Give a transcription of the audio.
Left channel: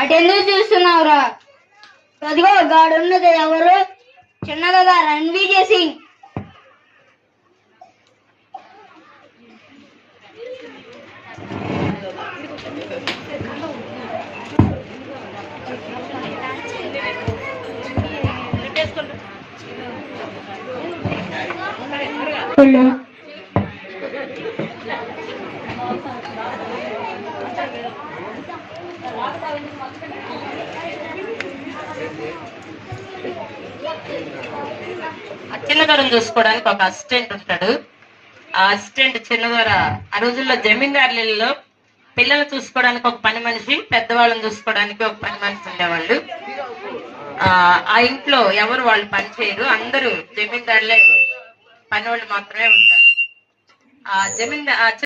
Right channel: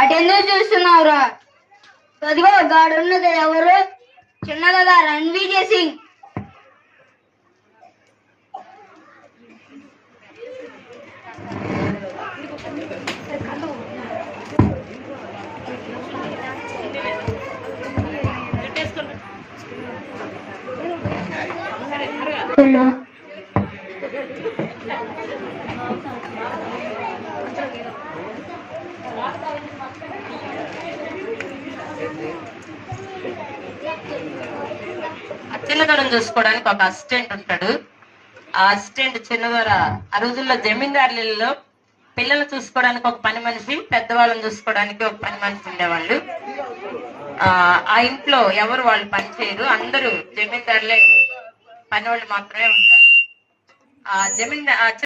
అటెందుకు చూస్తున్నావురా? అదిగో గాడున్నది ఎవరు? చిన్నదా రణ్వీర్ సింగ్. చిన్నదొరను చూసుకోవడానికి ఒక అసిస్టెంట్ ఉంటాడు. ఆ అసిస్టెంట్ చిన్నదొర ఆ రోజుల్లో జమీందారులలో పిల్లలు చూసుకోవడానికి ఒక పని మనిషి, పెద్దవాళ్ళని చూసుకోవడానికి ఒక పని మనిషి ఉండేవాళ్ళు. ఆ ఇంట్లో ఎవరు వాళ్ళు పని చేయరు, అందరూ జమీందారులే పని వాళ్ళు మాత్రమే ఉంటారు. ఆ